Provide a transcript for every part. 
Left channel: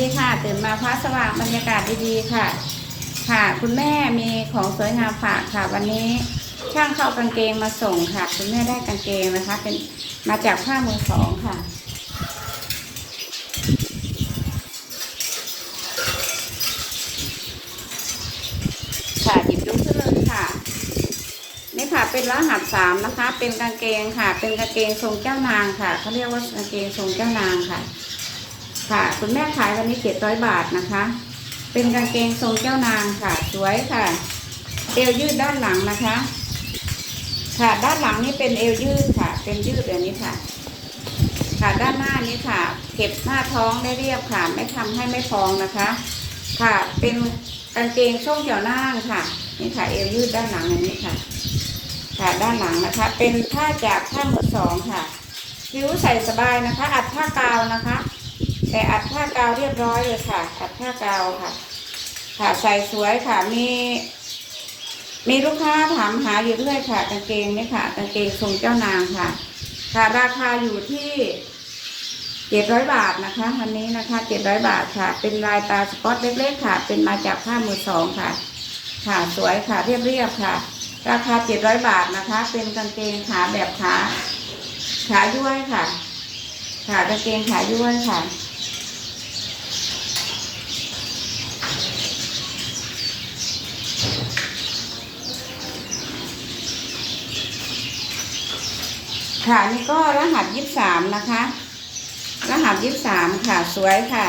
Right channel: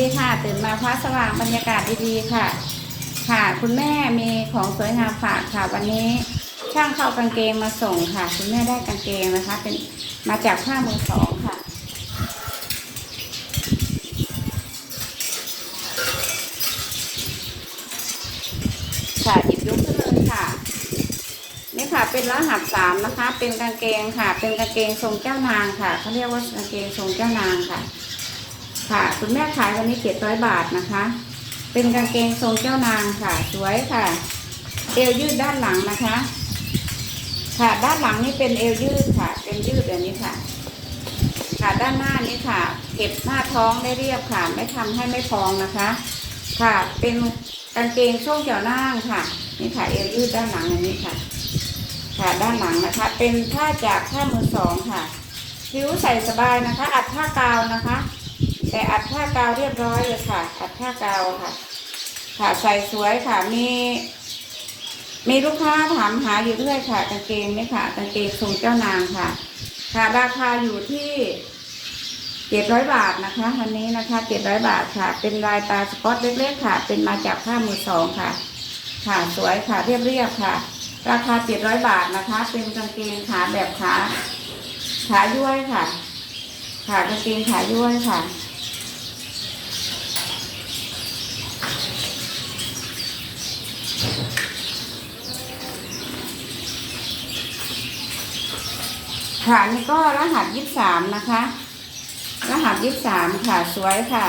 ดีค่ะตื่นมาพระสว่างบรรยากาศดีๆค่ะ ค่ะ คุณแม่มีของสวยงามฝากค่ะ วันนี้ช่างเข้ากางเกงมาส่งค่ะคุณแม่ได้กางเกงนะคะ เป็นมาจากผ้ามือสองค่ะ ค่ะหยิบยกขึ้นเลยค่ะนี่ค่ะเป็นรหัสสามนะคะ เป็นกางเกงค่ะ เป็นกางเกงทรงเจ้านางค่ะเขาเรียกว่ากางเกงทรงเจ้านางค่ะ ค่ะคุณแม่ขายวันนี้เจ็ดร้อยบาทนะคะ เป็นกางเกงทรงเจ้านางค่ะสวยค่ะเอวยืดด้านหลังนะคะ ค่ะด้านหลังนี่เป็นเอวยืดค่ะ เป็นยืดแบบนี้ค่ะ ค่ะด้านหน้านี้ค่ะ เก็บหน้าท้องได้เรียบค่ะ ไม่ทำให้ไม่พองนะคะ ค่ะเป็นกางเกงช่วงเกี่ยวหน้างค่ะ นี่ค่ะเอวยืดด้านหลังอย่างนี้ค่ะ ค่ะด้านหลังนะคะ เป็นผ้าจากผ้ามือสองค่ะผิวใส่สบายนะคะ อัดผ้ากาวนะคะ แต่อัดผ้ากาวเรียบร้อยเลยค่ะ อัดผ้ากาวค่ะ ค่ะใส่สวยค่ะ มี มีลูกค้าถามหาอยู่ด้วยค่ะกางเกงนี่ค่ะกางเกงทรงเจ้านางค่ะ ค่ะราคาอยู่ที่เจ็ดร้อยบาทนะคะวันนี้นะคะเจ็ดร้อยบาทค่ะ เป็นลายตาสปอตเล็กๆค่ะ เป็นมาจากผ้ามือสองค่ะ ค่ะสวยค่ะเรียบๆค่ะ ราคาเจ็ดร้อยบาทนะคะ เป็นกางเกงขาแบบขาขาย้วยค่ะ ค่ะกางเกงขาย้วยค่ะ ค่ะนี่ก็รหัสยี่สามนะคะ รหัสยี่สามค่ะสวยค่ะ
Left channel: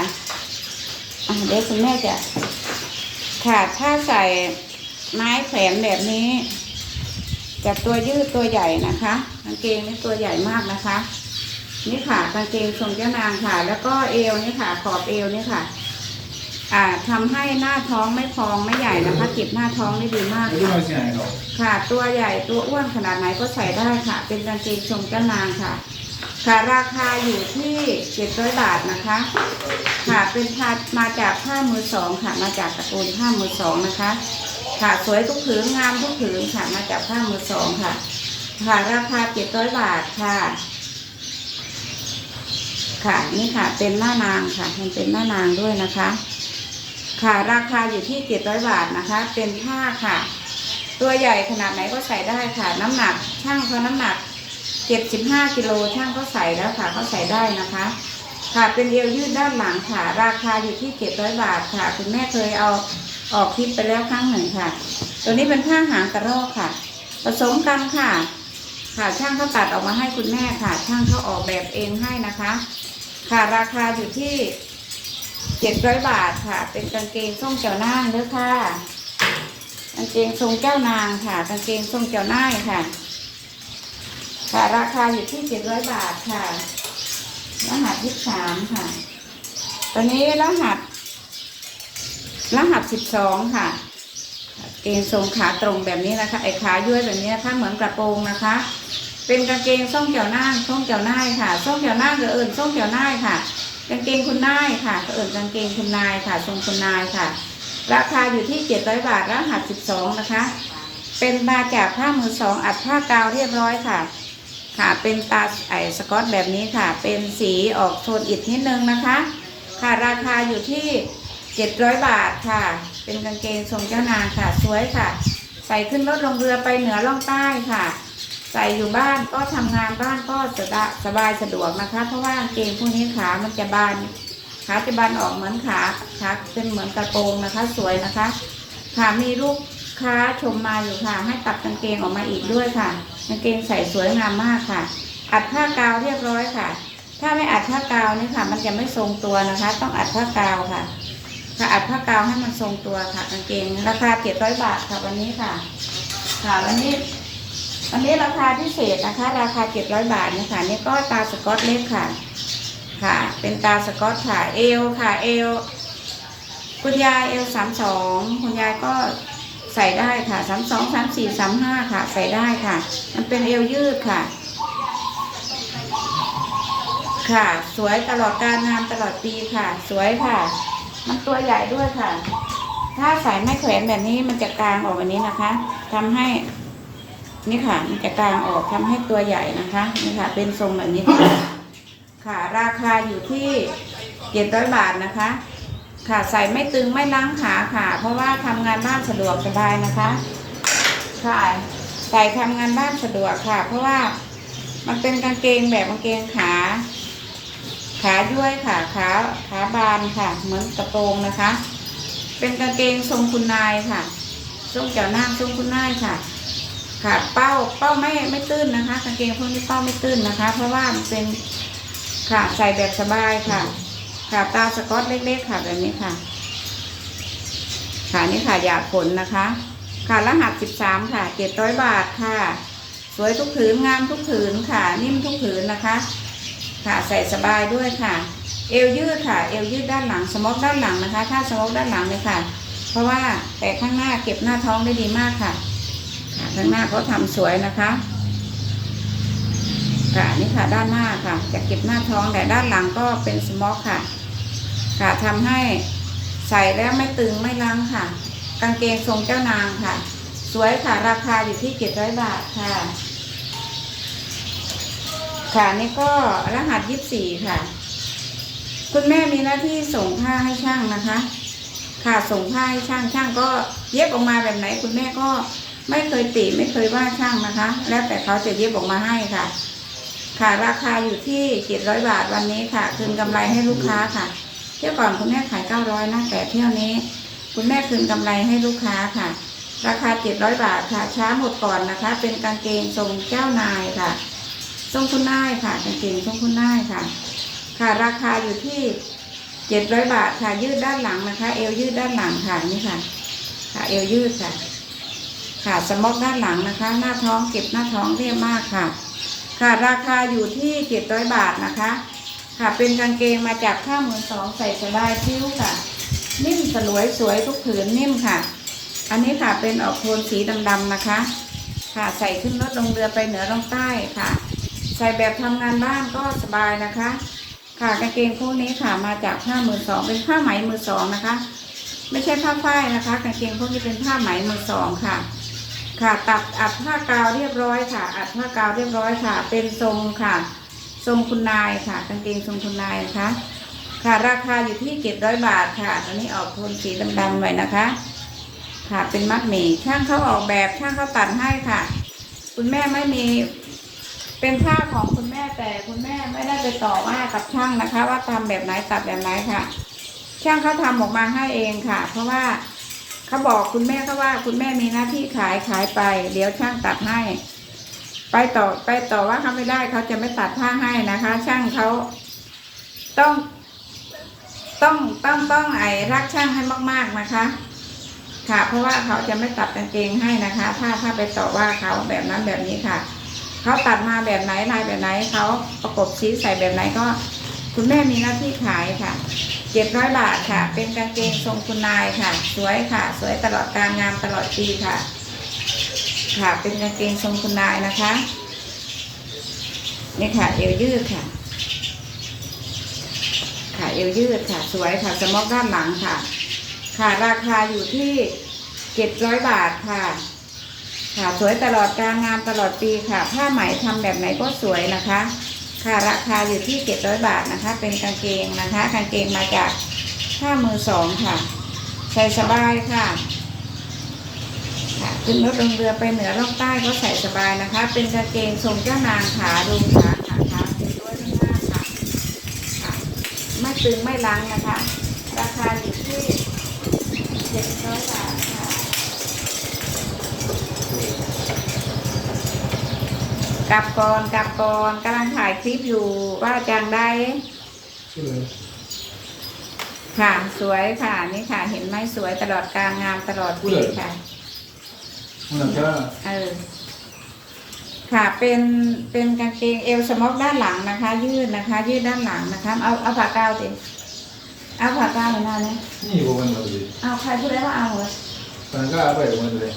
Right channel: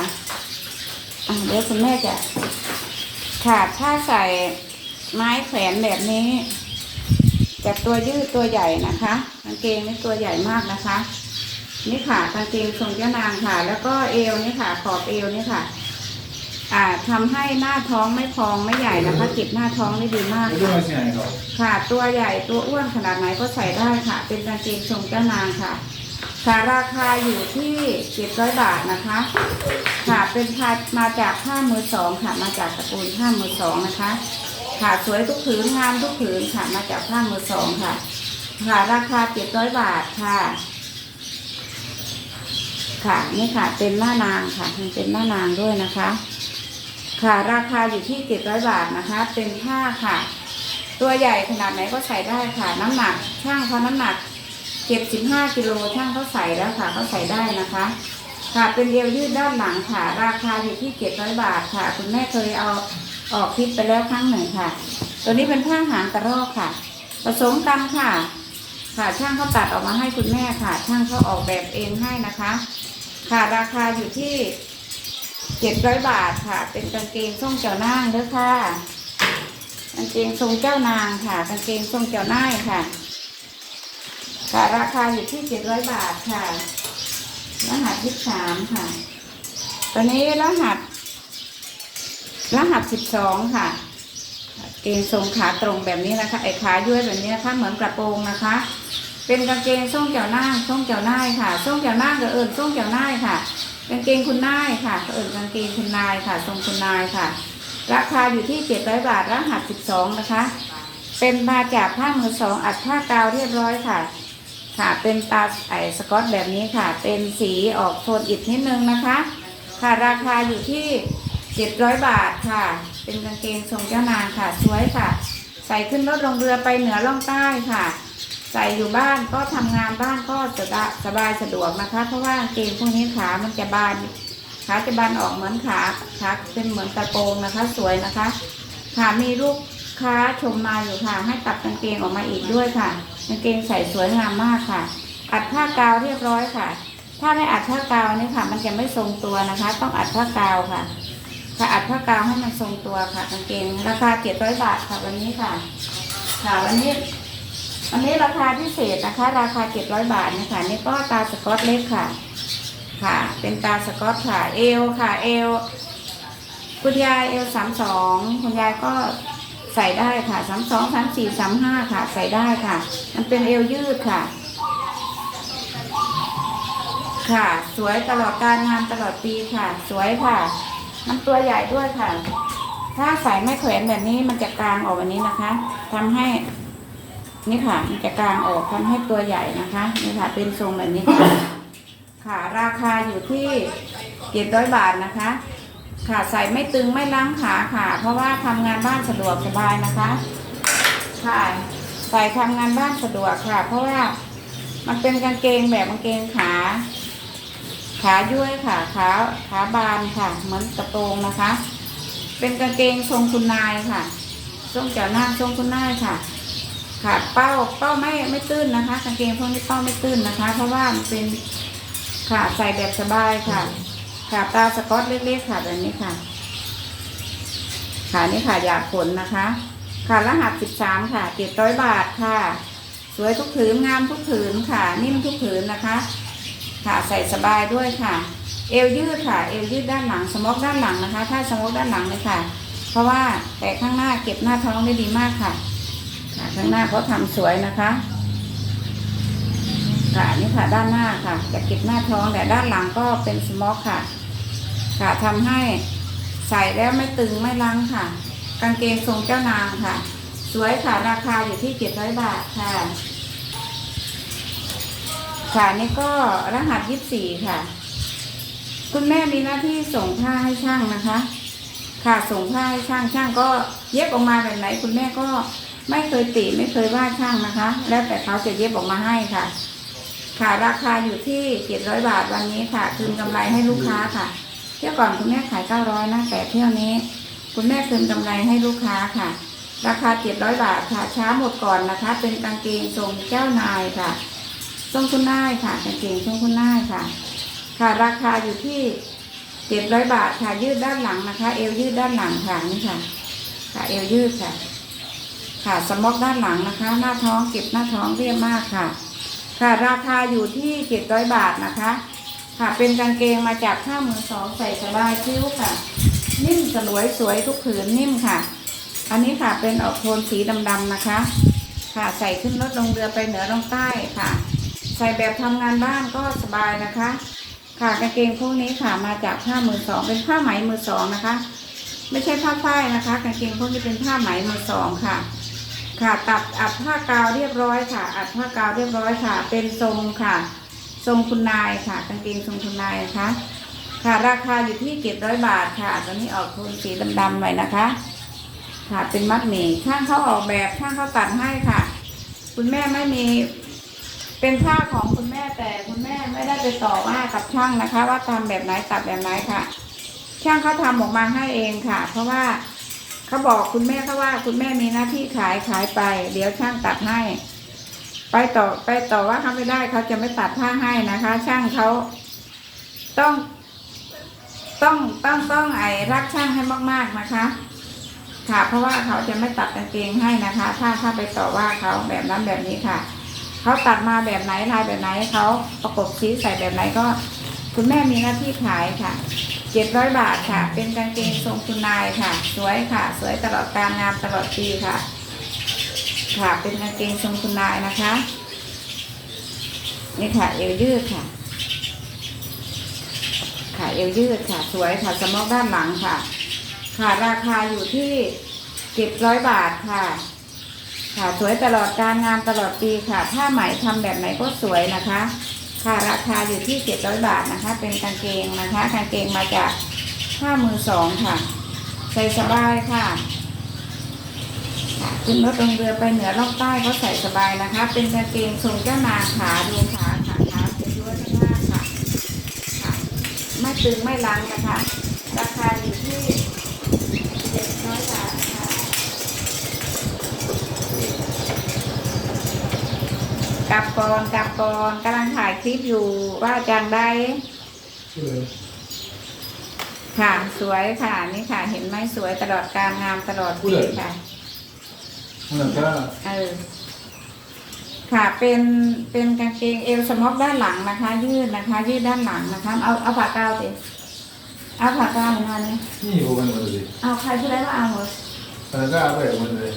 เดี๋ยวคุณแม่จะค่ะถ้าใส่ไม้แขวนแบบนี้จากตัวยืดตัวใหญ่นะคะกางเกงนี่ตัวใหญ่มากนะคะ นี่ค่ะกางเกงทรงเจ้านางค่ะ แล้วก็เอวนี่ค่ะ ขอบเอวนี่ค่ะ อ่าทำให้หน้าท้องไม่พองไม่ใหญ่นะคะเก็บหน้าท้องได้ดีมากรู้ค่ะไหมสิไหนเขาค่ะ ตัวใหญ่ตัวอ้วนขนาดไหนก็ใส่ได้ค่ะ เป็นกางเกงทรงเจ้านางค่ะ ค่ะราคาอยู่ที่เจ็ดร้อยบาทนะคะ ค่ะเป็นผ้ามาจากผ้ามือสองค่ะ มาจากตระกูลผ้ามือสองนะคะ ค่ะสวยทุกผืนงามทุกผืนค่ะมาจากผ้ามือสองค่ะ ค่ะราคาเจ็ดร้อยบาทค่ะค่ะนี่ค่ะเป็นหน้านางค่ะมันเป็นหน้านางด้วยนะคะ ค่ะราคาอยู่ที่เจ็ดร้อยบาทนะคะ เป็นผ้าค่ะ ตัวใหญ่ขนาดไหนก็ใส่ได้ค่ะ น้ำหนักช่างเขาน้ำหนักเจ็ดสิบห้ากิโลช่างก็ใส่แล้วค่ะเขาใส่ได้นะคะ ค่ะเป็นเอวยืดด้านหลังค่ะ ราคาอยู่ที่เจ็ดร้อยบาทค่ะ คุณแม่เคยเอาออกคลิปไปแล้วครั้งหนึ่งค่ะ ตัวนี้เป็นผ้าหางกระรอกค่ะ ผสมกันค่ะ ค่ะช่างเขาตัดออกมาให้คุณแม่ค่ะ ช่างเขาออกแบบเองให้นะคะ ค่ะราคาอยู่ที่ เจ็ดร้อยบาทค่ะ เป็นกางเกงส้มเจ้านางด้วยค่ะกางเกงทรงเจ้านางค่ะกางเกงทรงเจ้านายค่ะ ค่ะราคาอยู่ที่เจ็ดร้อยบาทค่ะรหัสยี่สามค่ะ ตอนนี้รหัส รหัสสิบสองค่ะเกงทรงขาตรงแบบนี้นะคะ ไอ้ขาย้วยแบบนี้นะคะ เหมือนกระโปรงนะคะ เป็นกางเกงส้มเจ้านางส้มเจ้านายค่ะส้มเจ้านางก็เอิญส้มเจ้านายค่ะ กางเกงคุณนายค่ะก็เอิญกางเกงคุณนายค่ะ ทรงคุณนายค่ะ ราคาอยู่ที่เจ็ดร้อยบาทรหัสสิบสองนะคะ เป็นมาจากผ้ามือสองอัดผ้ากาวเรียบร้อยค่ะ ค่ะ เป็นตาไอสกอตแบบนี้ค่ะ เป็นสีออกโทนอิฐนิดนึงนะคะ ค่ะราคาอยู่ที่เจ็ดร้อยบาทค่ะ เป็นกางเกงทรงเจ้านางค่ะ สวยค่ะ ใส่ขึ้นรถลงเรือไปเหนือล่องใต้ค่ะ ใส่อยู่บ้านก็ทำงานบ้านก็จะสบายสะดวกนะคะ เพราะว่าเกงพวกนี้ขามันจะบานขาจะบานออกเหมือนขาขาเป็นเหมือนกระโปรงนะคะ สวยนะคะค่ะมีลูกค้าชมมาอยู่ค่ะ ให้ตัดกางเกงออกมาอีกด้วยค่ะกางเกงใส่สวยงามมากค่ะ อัดผ้ากาวเรียบร้อยค่ะ ถ้าไม่อัดผ้ากาวนี่ค่ะ มันจะไม่ทรงตัวนะคะ ต้องอัดผ้ากาวค่ะค่ะอัดผ้ากาวให้มันทรงตัวค่ะกางเกง ราคาเจ็ดร้อยบาทค่ะวันนี้ค่ะ ค่ะวันนี้ วันนี้ราคาพิเศษนะคะ ราคาเจ็ดร้อยบาทนี่ค่ะนี่ก็ตาสกอตเล็กค่ะ ค่ะ เป็นตาสกอตค่ะเอวค่ะเอวคุณยายเอลสามสองคุณยายก็ใส่ได้ค่ะสามสองสามสี่สามห้าค่ะ ใส่ได้ค่ะ มันเป็นเอวยืดค่ะ ค่ะ สวยตลอดการงานตลอดปีค่ะ สวยค่ะ มันตัวใหญ่ด้วยค่ะ ถ้าใส่ไม่แขวนแบบนี้มันจะกลางออกแบบนี้นะคะทำให้ นี่ค่ะมันจะกลางออกทำให้ตัวใหญ่นะคะนี่ค่ะ เป็นทรงแบบนี้ค่ะค่ะราคาอยู่ที่เจ็ดร้อยบาทนะคะ ค่ะใส่ไม่ตึงไม่ล้างขาค่ะ เพราะว่าทำงานบ้านสะดวกสบายนะคะ ค่ะใส่ทำงานบ้านสะดวกค่ะ เพราะว่ามันเป็นกางเกงแบบกางเกงขา ขาย้วยค่ะขาขาบานค่ะ เหมือนกระโปรงนะคะ เป็นกางเกงทรงคุณนายค่ะ ทรงเจ้านั่งทรงคุณนายค่ะ ค่ะเป้าเป้าไม่ไม่ตื้นนะคะกางเกงพวกนี้เป้าไม่ตื้นนะคะ เพราะว่ามันเป็นค่ะใส่แบบสบายค่ะค่ะปลาสก๊อตเล็กๆค่ะแบบนี้ค่ะค่ะนี่ค่ะอยากผลนะคะค่ะรหัสสิบสามค่ะเจ็ดร้อยบาทค่ะ สวยทุกผืนงามทุกผืนค่ะ นิ่มทุกผืนนะคะ ค่ะใส่สบายด้วยค่ะ เอวยืดค่ะ เอวยืดด้านหลังสมอกด้านหลังนะคะ ถ้าสมอกด้านหลังเลยค่ะ เพราะว่าแต่ข้างหน้าเก็บหน้าท้องได้ดีมากค่ะ ข้างหน้าเขาทำสวยนะคะค่ะนี่ค่ะด้านหน้าค่ะจะเก็บหน้าท้องแต่ด้านหลังก็เป็นสมอกค่ะ ค่ะทำให้ใส่แล้วไม่ตึงไม่ลังค่ะ กางเกงทรงเจ้านางค่ะ สวยค่ะราคาอยู่ที่เจ็ดร้อยบาทค่ะ ค่ะนี่ก็รหัสยี่สี่ค่ะ คุณแม่มีหน้าที่ส่งผ้าให้ช่างนะคะ ค่ะส่งผ้าให้ช่างช่างก็เย็บออกมาแบบไหนคุณแม่ก็ ไม่เคยติไม่เคยว่าช่างนะคะ แล้วแต่เขาจะเย็บออกมาให้ค่ะ ค่ะราคาอยู่ที่เจ็ดร้อยบาทวันนี้ค่ะ คืนกำไรให้ลูกค้าค่ะ เที่ยวก่อนคุณแม่ขายเก้าร้อยนะแต่เที่ยวนี้ คุณแม่คืนกำไรให้ลูกค้าค่ะ ราคาเจ็ดร้อยบาทค่ะ ช้าหมดก่อนนะคะ เป็นกางเกงทรงเจ้านายค่ะทรงคุณนายค่ะกางเกงทรงคุณนายค่ะ ค่ะราคาอยู่ที่เจ็ดร้อยบาทค่ะ ยืดด้านหลังนะคะ เอวยืดด้านหลังค่ะนี่ค่ะ ค่ะเอวยืดค่ะ ค่ะสมอกด้านหลังนะคะ หน้าท้องเก็บหน้าท้องเรียบมากค่ะ ค่ะราคาอยู่ที่เจ็ดร้อยบาทนะคะ ค่ะเป็นกางเกงมาจากผ้ามือสองใส่สบายคิ้วค่ะ นิ่มสลวยสวยทุกผืนนิ่มค่ะ อันนี้ค่ะเป็นออกโทนสีดำๆนะคะ ค่ะใส่ขึ้นรถลงเรือไปเหนือลงใต้ค่ะ ใส่แบบทำงานบ้านก็สบายนะคะ ค่ะกางเกงพวกนี้ค่ะมาจากผ้ามือสองเป็นผ้าไหมมือสองนะคะ ไม่ใช่ผ้าฝ้ายนะคะกางเกงพวกนี้เป็นผ้าไหมมือสองค่ะ ค่ะตัดอัดผ้ากาวเรียบร้อยค่ะ อัดผ้ากาวเรียบร้อยค่ะ เป็นทรงค่ะ ทรงคุณนายค่ะกางเกงทรงคุณนายนะคะค่ะราคาอยู่ที่เจ็ดร้อยบาทค่ะตอนนี้ออกโทนสีดำๆหน่อยนะคะ ค่ะเป็นมัดหมี่ช่างเขาออกแบบช่างเขาตัดให้ค่ะ คุณแม่ไม่มี เป็นผ้าของคุณแม่แต่คุณแม่ไม่ได้ไปต่อว่ากับช่างนะคะ ว่าทำแบบไหนตัดแบบไหนค่ะ ช่างเขาทำออกมาให้เองค่ะ เพราะว่า เขาบอกคุณแม่เขาว่าคุณแม่มีหน้าที่ขายขายไป เดี๋ยวช่างตัดให้ ไปต่อไปต่อว่าเขาไม่ได้เขาจะไม่ตัดผ้าให้นะคะ ช่างเขาต้อง ต้องต้องต้องไอ้รักช่างให้มาก ๆนะคะ ค่ะ เพราะว่าเขาจะไม่ตัดกางเกงให้นะคะ ถ้าถ้าไปต่อว่าเขาแบบนั้นแบบนี้ค่ะเขาตัดมาแบบไหนลายแบบไหนเขาประกบสีใส่แบบไหนก็ คุณแม่มีหน้าที่ขายค่ะ เจ็ดร้อยบาทค่ะ เป็นกางเกงทรงคุณนายค่ะ สวยค่ะ สวยตลอดการงานตลอดปีค่ะ ค่ะ เป็นกางเกงทรงคุณนายนะคะ นี่ค่ะเอวยืดค่ะ ค่ะเอวยืดค่ะ สวยค่ะสมอกด้านหลังค่ะ ค่ะราคาอยู่ที่เจ็ดร้อยบาทค่ะ ค่ะ สวยตลอดการงานตลอดปีค่ะ ผ้าไหมทำแบบไหนก็สวยนะคะ ค่ะราคาอยู่ที่เจ็ดร้อยบาทนะคะ เป็นกางเกงนะคะ กางเกงมาจากผ้ามือสองค่ะ ใส่สบายค่ะค่ะขึ้นรถลงเรือไปเหนือล่องใต้ก็ใส่สบายนะคะ เป็นกางเกงทรงเจ้านางขาดูขาขาขาเป็นด้วยทั้งหน้าค่ะค่ะไม่ตึงไม่ล้างนะคะ ราคาอยู่ที่เจ็ดร้อยบาทค่ะ กลับก่อนกลับก่อนกำลังถ่ายคลิปอยู่ว่าจังได้ค่ะสวยค่ะนี่ค่ะ เห็นไหมสวยตลอดการงานตลอดปีค่ะมันก็เออค่ะเป็นเป็นกางเกงเอวสมอกด้านหลังนะคะ ยืดนะคะ ยืดด้านหลังนะคะ เอาเอาผ้ากาวสิเอาผ้ากาวหน่อยนะเนี่ยนี่โบมันหมดเลยเอาใครพูดได้ว่าเอาเหรอตอนนั้นก็เอาไปกับมันเลย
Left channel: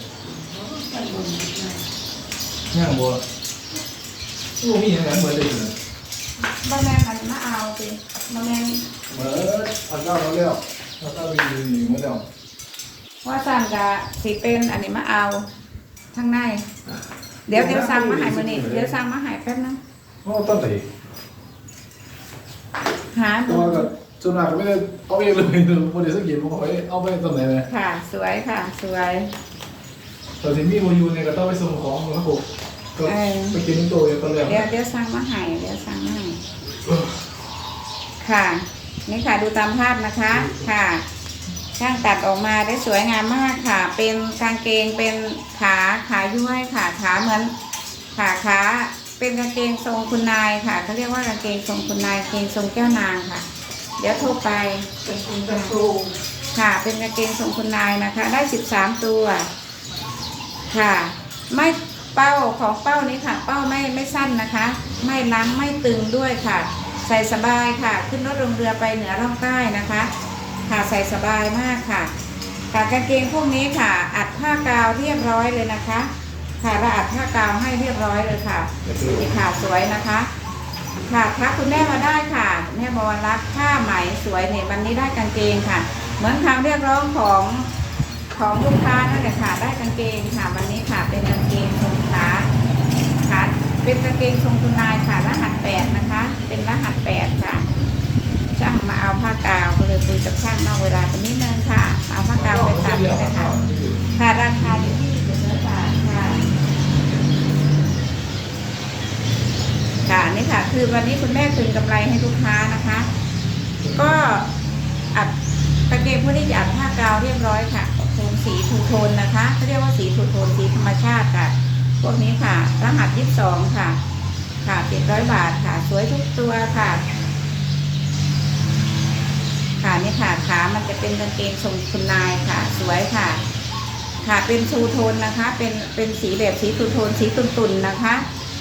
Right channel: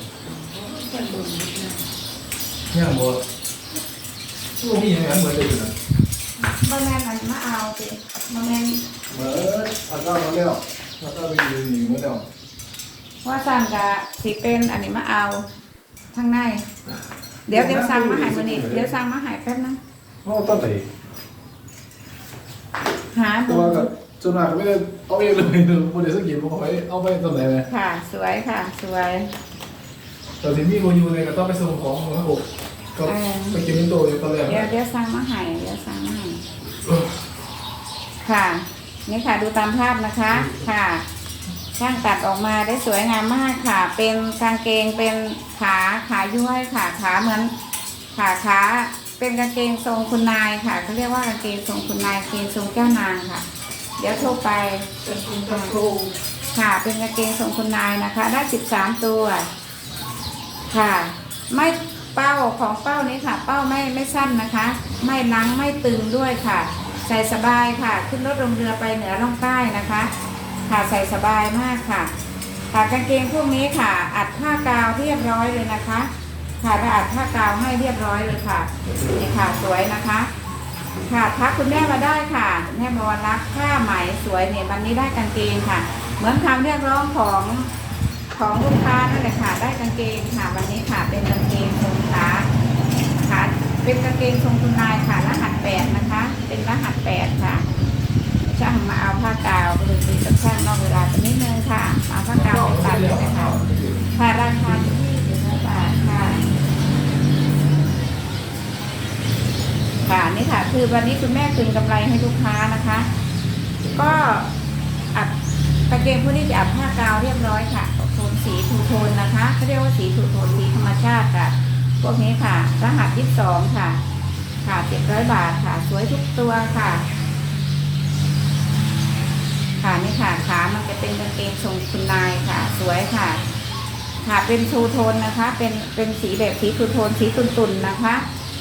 ย่างโบลูกนี่ยังไงเหมือนเดิมเลยบะแมนอันนี้มาเอาสิบะแมนเหมือนเอาเข้ามาแล้วเอาเข้าไปยืนหนึ่งมาแล้วว่าสั่นกะสีเป็นอันนี้มาเอาข้างในเดี๋ยวเดี๋ยวสั่งมาใหายมานี่เดี๋ยวสั่งมาใหายแป๊บนะเขาต้องไปหาตัดูวก็ส่วนมากก็ไม่ได้เอาเองเลยโมเดลสังเกตผมคอยเอาไปตำไหนเลยค่ะ สวยค่ะ สวยตอนที่มีโมยูเนี่ยก็ต้องไปส่งของครับผม ก็เออ ไปกินในโต๊ะอยู่ตอนแรกเดี๋ยวเดี๋ยวสั่งมาให้เดี๋ยวสั่งมาให้ค่ะ นี่ค่ะดูตามภาพนะคะ ค่ะ ช่างตัดออกมาได้สวยงามมากค่ะ เป็นกางเกงเป็นขาขาย้วยค่ะขาเหมือนขาขาเป็นกางเกงทรงคุณนายค่ะเขาเรียกว่ากางเกงทรงคุณนายกางเกงทรงแก้วนางค่ะ เดี๋ยวโทรไป เป็นคุณกระโปรงค่ะเป็นกางเกงทรงคุณนายนะคะ ได้สิบสามตัว ค่ะ ไม่ เป้าของเป้านี้ค่ะ เป้าไม่ไม่สั้นนะคะ ไม่ลังไม่ตึงด้วยค่ะ ใส่สบายค่ะ ขึ้นรถลงเรือไปเหนือล่องใต้นะคะ ค่ะใส่สบายมากค่ะค่ะกางเกงพวกนี้ค่ะ อัดผ้ากาวเรียบร้อยเลยนะคะ ค่ะเราอัดผ้ากาวให้เรียบร้อยเลยค่ะนี่ค่ะสวยนะคะ ค่ะทักคุณแม่มาได้ค่ะแม่บวรรักผ้าไหมสวยเนี่ยวันนี้ได้กางเกงค่ะ เหมือนคำเรียกร้องของของลูกค้านั่นแหละค่ะ ได้กางเกงค่ะ วันนี้ค่ะเป็นกางเกงค่ะ เป็นกางเกงทรงคุณนายค่ะ รหัสแปดนะคะ เป็นรหัสแปดค่ะ ช่างมาเอาผ้ากาวก็เลยตีกับช่างนอกเวลาไปนิดนึงค่ะ เอาผ้ากาวไปตัดเลยนะคะค่ะราคาอยู่ที่สิบาทค่ะ ค่ะนี่ค่ะ คือวันนี้คุณแม่คืนกำไรให้ลูกค้านะคะ ก็อัดตะเกียงพวกนี้จะอัดผ้ากาวเรียบร้อยค่ะโทนสีทูโทนนะคะเขาเรียกว่าสีทูโทนสีธรรมชาติค่ะ พวกนี้ค่ะ รหัสยี่สองค่ะ ค่ะเจ็ดร้อยบาทค่ะ สวยทุกตัวค่ะ ค่ะนี่ค่ะขามันจะเป็นกางเกงทรงคุณนายค่ะ สวยค่ะ ค่ะเป็นทูโทนนะคะ เป็นเป็นสีแบบสีทูโทนสีตุ่นๆนนะคะ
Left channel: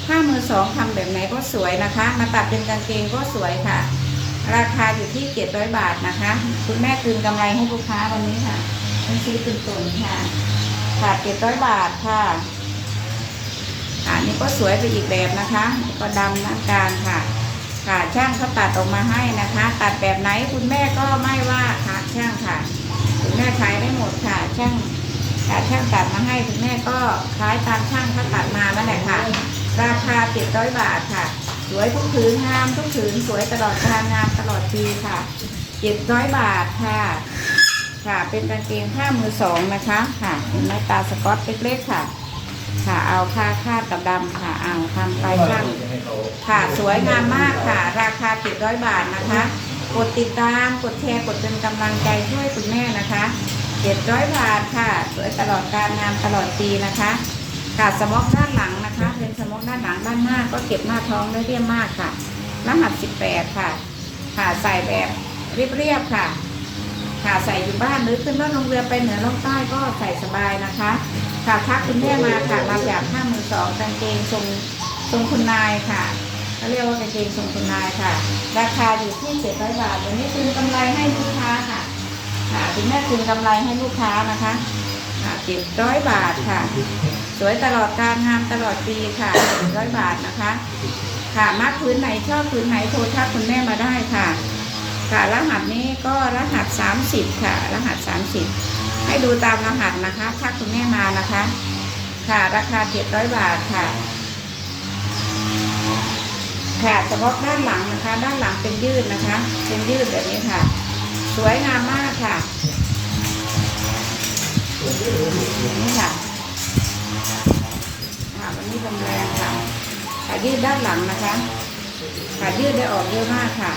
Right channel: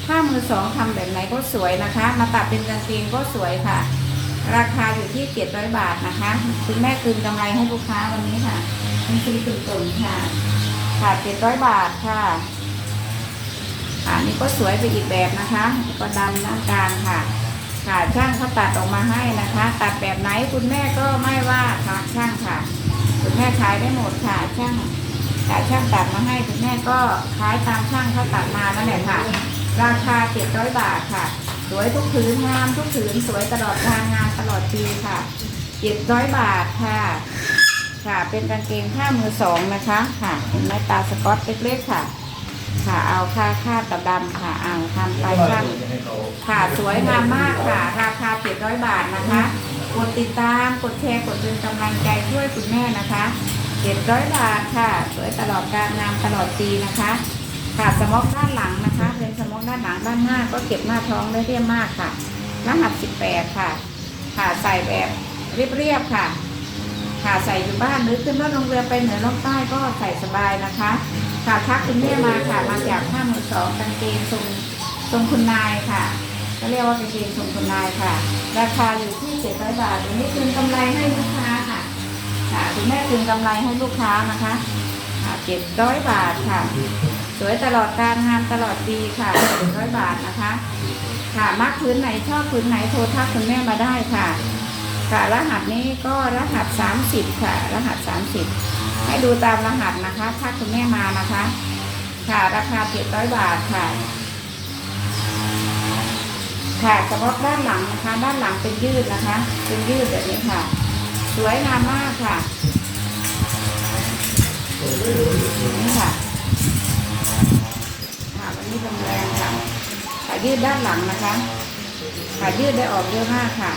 ถ้ามือสองทำแบบไหนก็สวยนะคะ มาตัดเป็นกางเกงก็สวยค่ะ ราคาอยู่ที่เจ็ดร้อยบาทนะคะ คุณแม่คืนกำไรให้ลูกค้าวันนี้ค่ะเป็นสีตุ่นๆค่ะ ค่ะเจ็ดร้อยบาทค่ะ ค่ะนี่ก็สวยไปอีกแบบนะคะก็ดำด้านกลางค่ะ ค่ะช่างเขาตัดออกมาให้นะคะ ตัดแบบไหนคุณแม่ก็ไม่ว่าค่ะช่างค่ะ คุณแม่ขายได้หมดค่ะช่างค่ะช่างตัดมาให้คุณแม่ก็ขายตามช่างเขาตัดมานั่นแหละค่ะ ราคา700บาทค่ะ สวยทุกผืนงามทุกผืนสวยตลอดการงามตลอดปีค่ะ700บาทค่ะค่ะเป็นกางเกงผ้ามือสองนะคะ ค่ะเห็นไหมตาสปอตเล็กๆค่ะ ค่ะ เอาค่าค่าตะดำค่ะ เอาทำไปช่างค่ะสวยงามมากค่ะ ราคา700บาทนะคะ กดติดตามกดแชร์กดเป็นกำลังใจช่วยคุณแม่นะคะ700บาทค่ะ สวยตลอดการงานตลอดปีนะคะค่ะสมอกด้านหลังนะคะเป็นสมอกด้านหลังด้านหน้าก็เก็บหน้าท้องได้เรียบมากค่ะรหัส18ค่ะ ค่ะใส่แบบเรียบๆค่ะ ค่ะใส่อยู่บ้านหรือขึ้นรถลงเรือไปเหนือล่องใต้ก็ใส่สบายนะคะ ค่ะทักคุณแม่มาค่ะเราอยากห้ามือสองกางเกงทรงทรงคุณนายค่ะก็เรียกว่ากางเกงทรงคุณนายค่ะ ราคาอยู่ที่700บาทอันนี้คืนกำไรให้ลูกค้าค่ะค่ะคุณแม่คืนกำไรให้ลูกค้านะคะค่ะ700บาทค่ะ สวยตลอดการงานตลอดปีค่ะ700บาทนะคะ ค่ะมักพื้นไหนชอบพื้นไหนโทรทักคุณแม่มาได้ค่ะ ค่ะรหัสนี้ก็รหัส 30 ค่ะ รหัส 30 ให้ดูตามรหัสนะคะ ถ้าคุณแม่มานะคะ ค่ะราคา700บาทค่ะ ค่ะเฉพาะด้านหลังนะคะ ด้านหลังเป็นยืดนะคะ เป็นยืดแบบนี้ค่ะ สวยงามมากค่ะนี่ค่ะค่ะวันนี้จำแรงค่ะขายืดด้านหลังนะคะขายืดได้ออกเยอะมากค่ะ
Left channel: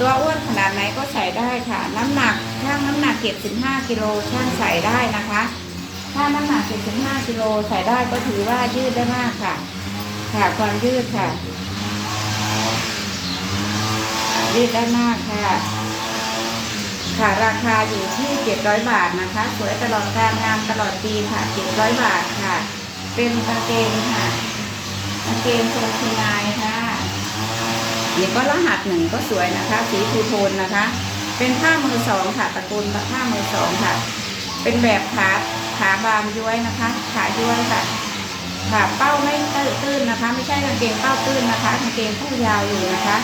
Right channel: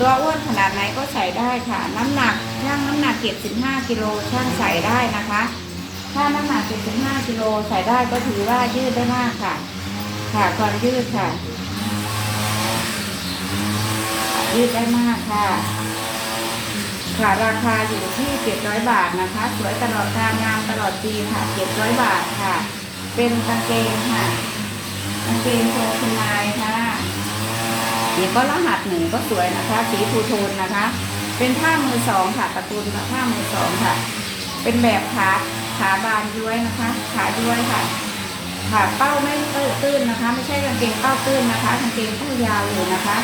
ตัวอ้วนขนาดไหนก็ใส่ได้ค่ะ น้ำหนักช่างน้ำหนักเก็บ15กิโลช่างใส่ได้นะคะ ถ้าน้ำหนักเก็บ15กิโลใส่ได้ก็ถือว่ายืดได้มากค่ะ ค่ะความยืดค่ะ ยืดได้มากค่ะ ค่ะราคาอยู่ที่700บาทนะคะ สวยตลอดการงานตลอดปีค่ะ700บาทค่ะ เป็นกางเกงค่ะกางเกงโคคุณนายค่ะ เดี๋ยวก็รหัสหนึ่งก็สวยนะคะ สีทูโทนนะคะ เป็นผ้ามือสองค่ะตระกูลผ้ามือสองค่ะ เป็นแบบขาขาบานย้วยนะคะ ขาย้วยค่ะค่ะเป้าไม่ตื้นนะคะ ไม่ใช่กางเกงเป้าตื้นนะคะกางเกงผู้ยาวอยู่นะคะ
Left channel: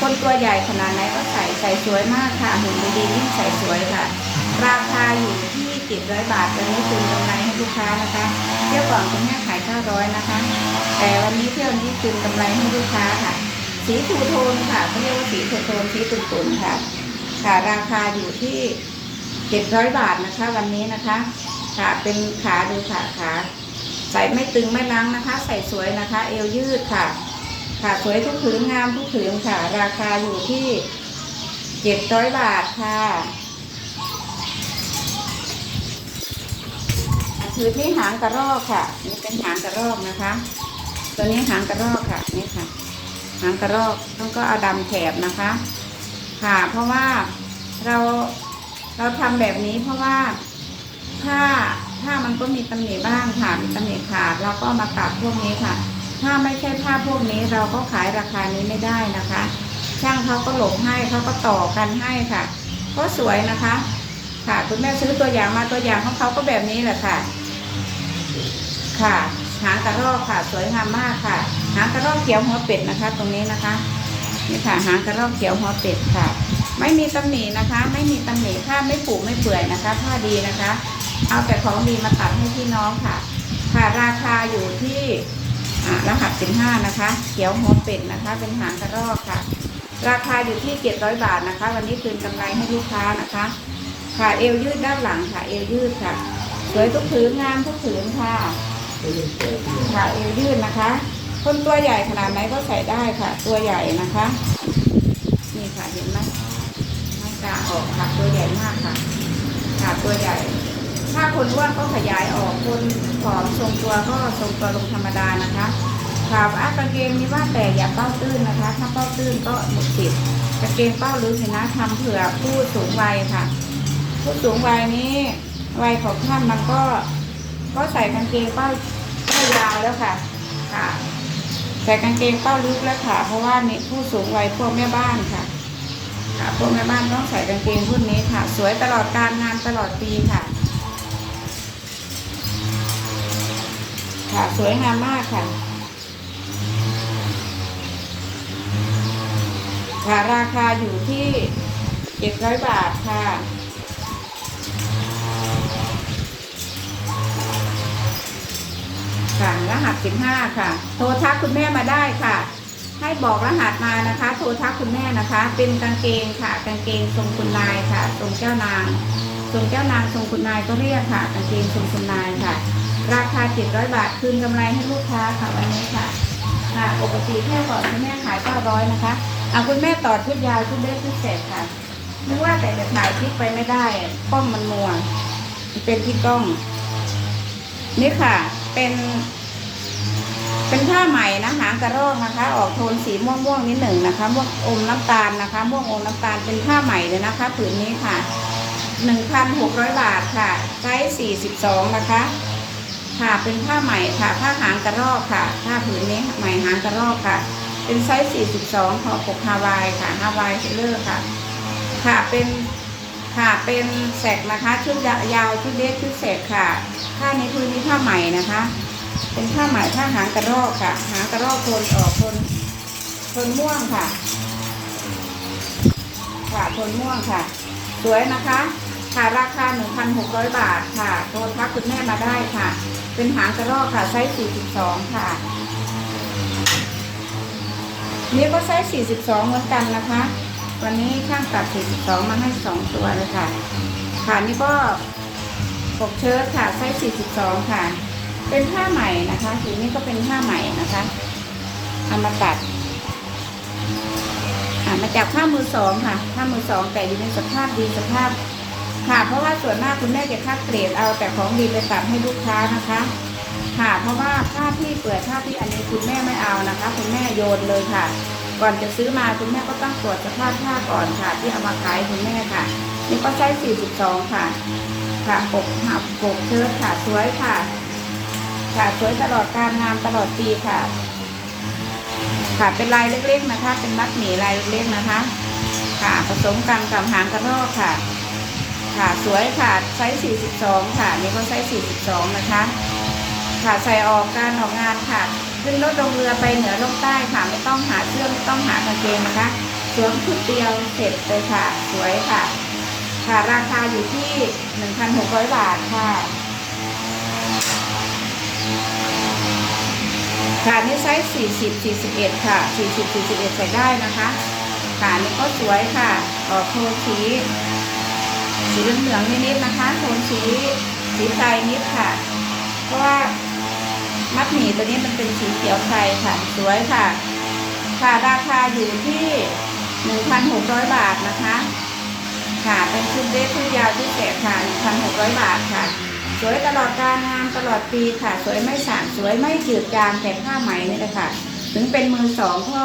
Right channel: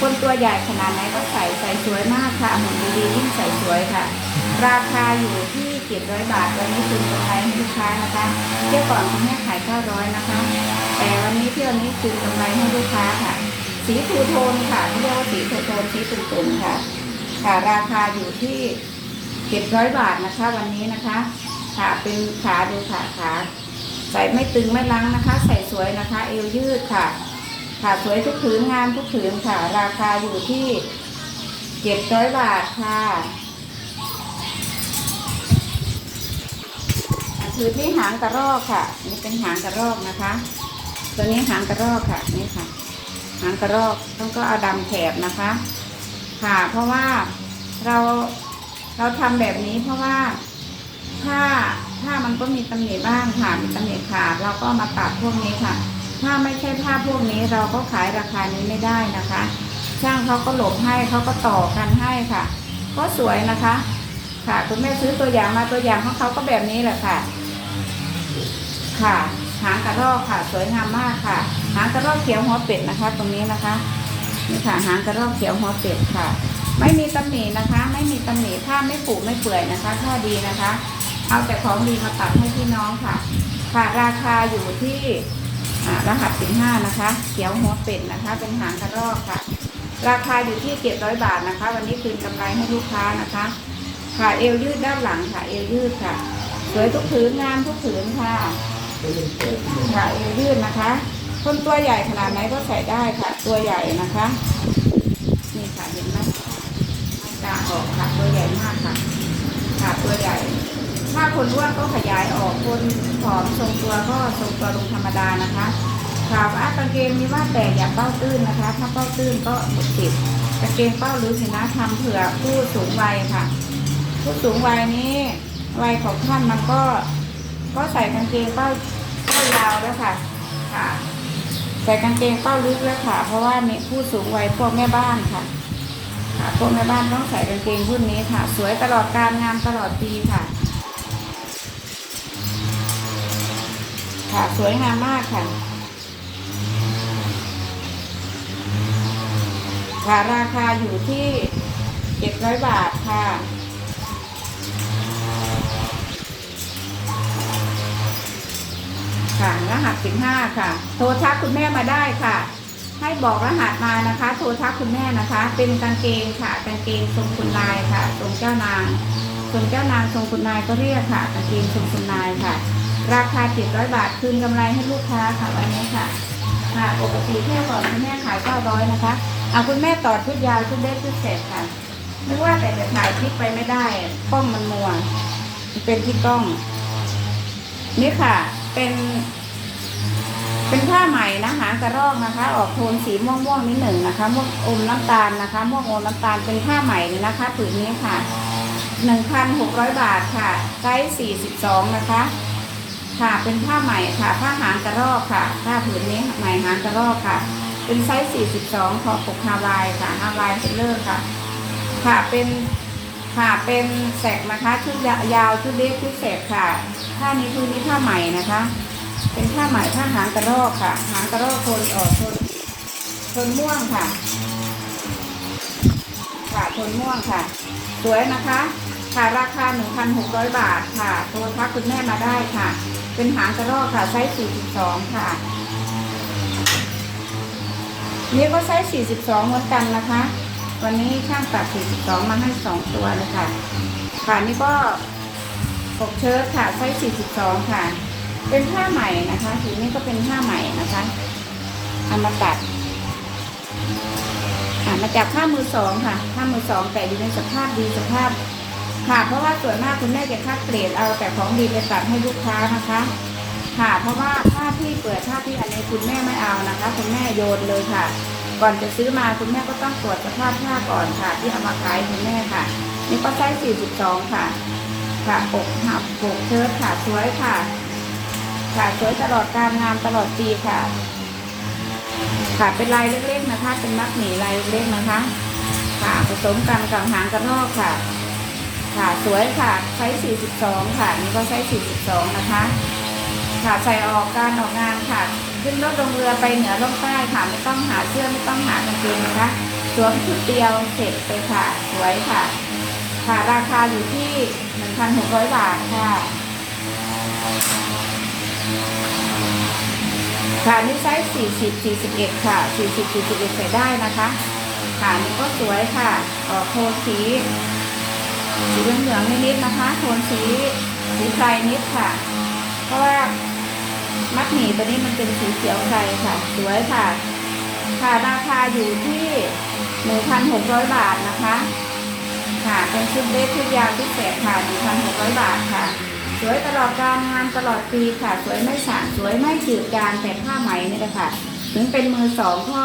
คนตัวใหญ่ขนาดไหนก็ใส่ใส่สวยมากค่ะหุ่นดีๆยิ่งใส่สวยค่ะ ราคาอยู่ที่700บาทวันนี้คืนกำไรให้ลูกค้านะคะเที่ยวก่อนคุณแม่ขาย900นะคะ แต่วันนี้เที่ยวนี้คืนกำไรให้ลูกค้าค่ะ สีทูโทนค่ะเขาเรียกว่าสีทูโทนสีตุ่นๆค่ะ ค่ะราคาอยู่ที่เจ็ดร้อยบาทนะคะ วันนี้นะคะ ค่ะเป็นขาดูค่ะขาใส่ไม่ตึงไม่ล้างนะคะ ใส่สวยนะคะ เอวยืดค่ะ ค่ะสวยทุกผืนงามทุกผืนค่ะ ราคาอยู่ที่เจ็ดร้อยบาทค่ะผืนนี้หางกระรอกค่ะ นี่เป็นหางกระรอกนะคะ ตัวนี้หางกระรอกค่ะ นี่ค่ะ หางกระรอกต้องก็เอาดำแถบนะคะ ค่ะเพราะว่าเราเราทำแบบนี้เพราะว่าถ้าถ้ามันก็มีตำหนิบ้างค่ะมีตำหนิขาดเราก็มาตัดพวกนี้ค่ะ ถ้าไม่ใช่ผ้าพวกนี้เราก็ขายราคานี้ไม่ได้นะคะ ช่างเขาก็หลบให้เขาก็ต่อกันให้ค่ะ ก็สวยนะคะ ค่ะคุณแม่ซื้อตัวอย่างมาตัวอย่างของเขาก็แบบนี้แหละค่ะ ค่ะ หางกระรอกค่ะ สวยงามมากค่ะ หางกระรอกเขียวหัวเป็ดนะคะ ตรงนี้นะคะนี่ค่ะหางกระรอกเขียวหัวเป็ดค่ะ ไม่มีตำหนินะคะ ไม่มีตำหนิถ้าไม่ปูไม่เปื่อยนะคะถ้าดีนะคะ เอาแต่ของดีมาตัดให้พี่น้องค่ะ ค่ะราคาอยู่ที่รหัสสิบห้านะคะ เขียวหัวเป็ดนะคะ เป็นหางกระรอกค่ะ ราคาอยู่ที่เจ็ดร้อยบาทนะคะ วันนี้คืนกำไรให้ลูกค้านะคะ ค่ะเอวยืดด้านหลังค่ะ เอวยืดค่ะ สวยทุกผืนงานทุกผืนค่ะ ค่ะเอวยืดนะคะ คนตัวใหญ่ขนาดไหนก็ใส่ได้ค่ะ ตัวใหญ่นะคะนี่ค่ะเห็นไหมหน้ากาออกค่ะตัวใหญ่มากค่ะค่ะตัวใหญ่ ถ้าคนอ้วนก็ขยายออกคนผอมทรงตัวก็ทรงตัวลงธรรมดานะคะค่ะอากางเกงมีว่าแต่อย่าเป้าตื้นนะคะ ถ้าเป้าตื้นก็หมดสิทธิ์กางเกงเป้ารือชนะทำเผื่อผู้สูงวัยค่ะ ผู้สูงวัยนี้วัยของท่านมันก็ ก็ใส่กางเกงเป้าเป้ายาวแล้วค่ะค่ะใส่กางเกงเป้าลึกแล้วค่ะ เพราะว่านี่ผู้สูงวัยพวกแม่บ้านค่ะค่ะพวกแม่บ้านต้องใส่กางเกงรุ่นนี้ค่ะ สวยตลอดการงานตลอดปีค่ะ ค่ะสวยงามมากค่ะ ค่ะราคาอยู่ที่เจ็ดร้อยบาทค่ะ ค่ะรหัสสิบห้าค่ะ โทรทักคุณแม่มาได้ค่ะ ให้บอกรหัสมานะคะ โทรทักคุณแม่นะคะ เป็นกางเกงค่ะกางเกงทรงคุณนายค่ะทรงเจ้านางทรงเจ้านางทรงคุณนายก็เรียกค่ะกางเกงทรงคุณนายค่ะ ราคาเจ็ดร้อยบาทคืนกำไรให้ลูกค้าค่ะวันนี้ค่ะค่ะปกติแค่ก่อนคุณแม่ขายเก้าร้อยนะคะเอาคุณแม่ต่อชุดยาวชุดเล็กชุดเศษค่ะนึกว่าแต่จะถ่ายคลิปไปไม่ได้กล้องมันมัวเป็นที่กล้องนี่ค่ะ เป็น เป็นผ้าใหม่นะหางกระรอกนะคะ ออกโทนสีม่วงม่วงนิดหนึ่งนะคะม่วงอมน้ำตาลนะคะม่วงอมน้ำตาลเป็นผ้าใหม่เลยนะคะผืนนี้ค่ะหนึ่งพันหกร้อยบาทค่ะไซส์สี่สิบสองนะคะ ค่ะเป็นผ้าใหม่ค่ะ ผ้าหางกระรอกค่ะ ผ้าผืนนี้ใหม่หางกระรอกค่ะ เป็นไซส์สี่สิบสองคอปกฮาวายค่ะฮาวายเซเลอร์ค่ะ ค่ะเป็น ค่ะเป็นแสกนะคะชุดยาวชุดเล็กชุดแสกค่ะผ้านี้คือนี้ผ้าใหม่นะคะ เป็นผ้าไหม่ผ้าหางกระรอกค่ะ หางกระรอกโทนออกโทนโทนม่วงค่ะ ค่ะโทนม่วงค่ะ สวยนะคะค่ะราคา 1,600 บาทค่ะโทรทักคุณแม่มาได้ค่ะ เป็นหางกระรอกค่ะไซส์42 ค่ะนี่ก็ไซส์42 เหมือนกันนะคะ วันนี้ช่างตัด42มาให้ 2 ตัวเลยค่ะค่ะนี่ก็ปกเชิ้ตค่ะไซส์42 ค่ะ เป็นผ้าใหม่นะคะสีนี้ก็เป็นผ้าใหม่นะคะทำมาตัดอ่ามาจากผ้ามือสองค่ะผ้ามือสองแต่อยู่ในสภาพดีสภาพค่ะเพราะว่าส่วนมากคุณแม่จะคัดเกรดเอาแต่ของดีไปตัดให้ลูกค้านะคะค่ะเพราะว่าผ้าที่เปิดผ้าที่อันนี้คุณแม่ไม่เอานะคะคุณแม่โยนเลยค่ะ ก่อนจะซื้อมาคุณแม่ก็ต้องตรวจสภาพผ้าก่อนค่ะ ที่เอามาขายคุณแม่ค่ะ นี่ก็ใช้42 ค่ะ ค่ะปกหับปกเชิ้ตค่ะสวยค่ะ ค่ะสวยตลอดการงานตลอดปีค่ะ ค่ะเป็นลายเล็กๆนะคะ เป็นมัดหมี่ลายเล็กๆนะคะ ค่ะผสมกันกับหางกระรอกค่ะ ค่ะสวยค่ะไซส์42 ค่ะ นี่ก็ไซส์42 นะคะ ค่ะใส่ออกการออกงานค่ะ ขึ้นรถลงเรือไปเหนือลงใต้ค่ะ ไม่ต้องหาเสื้อไม่ต้องหากางเกงนะคะสวมชุดเดียวเสร็จเลยค่ะ สวยค่ะ ค่ะราคาอยู่ที่1,600บาทค่ะค่ะนี่ไซส์40 41ค่ะ40 41ใส่ได้นะคะค่ะนี่ก็สวยค่ะ ออกโทนสีสีเหลืองๆนิดๆนะคะ โทนสีสีไพรนิดค่ะ เพราะว่า มัดหมี่ตัวนี้มันเป็นสีเขียวไพรค่ะ สวยค่ะ ค่ะราคาอยู่ที่ 1,600 บาทนะคะ ค่ะเป็นชุดเดรสชุดยาวชุดแสกค่ะ 1,600 บาทค่ะ สวยตลอดการงานตลอดปีค่ะ สวยไม่สางสวยไม่จืดจางแต่ผ้าไหมนี่แหละค่ะ ถึงเป็นมือสองก็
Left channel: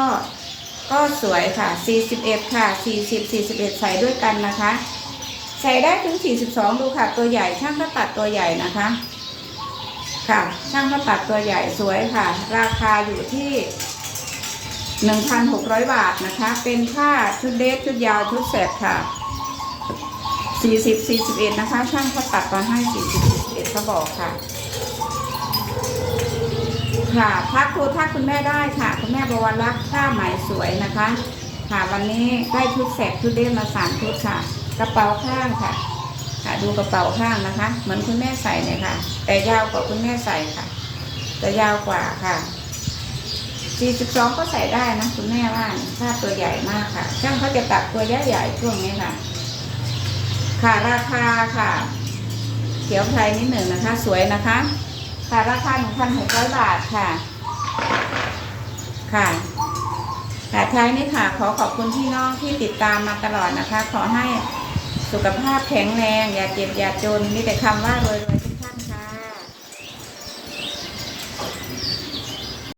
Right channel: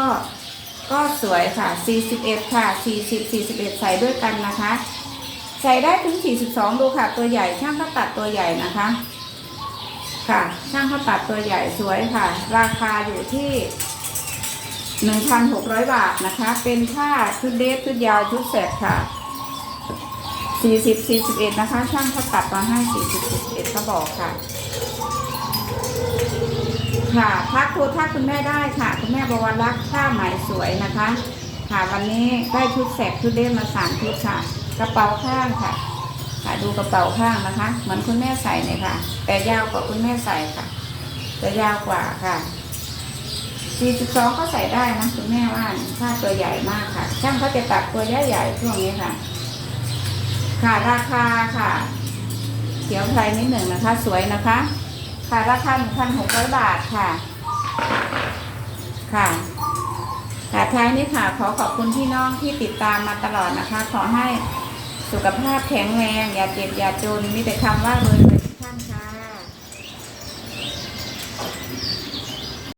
ก็สวยค่ะ 41 ค่ะ 40 41 ใส่ด้วยกันนะคะ ใส่ได้ถึง 42 ดูค่ะ ตัวใหญ่ช่างเขาตัดตัวใหญ่นะคะ ค่ะ ช่างเขาตัดตัวใหญ่สวยค่ะ ราคาอยู่ที่ 1,600 บาทนะคะ เป็นผ้าชุดเดรสชุดยาวชุดแสกค่ะ 40 41 นะคะ ช่างเขาตัดมาให้ 40 41เขาบอกค่ะ ค่ะทักโทรทักคุณแม่ได้ค่ะ คุณแม่บวรรักษ์ผ้าไหมสวยนะคะ ค่ะวันนี้ได้ชุดแสกชุดเดรสมาสามชุดค่ะ กระเป๋าข้างค่ะ ค่ะดูกระเป๋าข้างนะคะ เหมือนคุณแม่ใส่เลยค่ะ แต่ยาวกว่าคุณแม่ใส่ค่ะจะยาวกว่าค่ะ 42 ก็ใส่ได้นะคุณแม่ว่านะผ้าตัวใหญ่มากค่ะ ช่างเขาจะตัดตัวใหญ่ๆช่วงนี้ค่ะ ค่ะราคาค่ะ เขียวไพรนิดหนึ่งนะคะ สวยนะคะ ค่ะราคา 1,600 บาทค่ะ ค่ะค่ะท้ายนี้ค่ะ ขอขอบคุณพี่น้องที่ติดตามมาตลอดนะคะ ขอให้ สุขภาพแข็งแรง อย่าเจ็บอย่าจน มีแต่คำว่ารวยรวย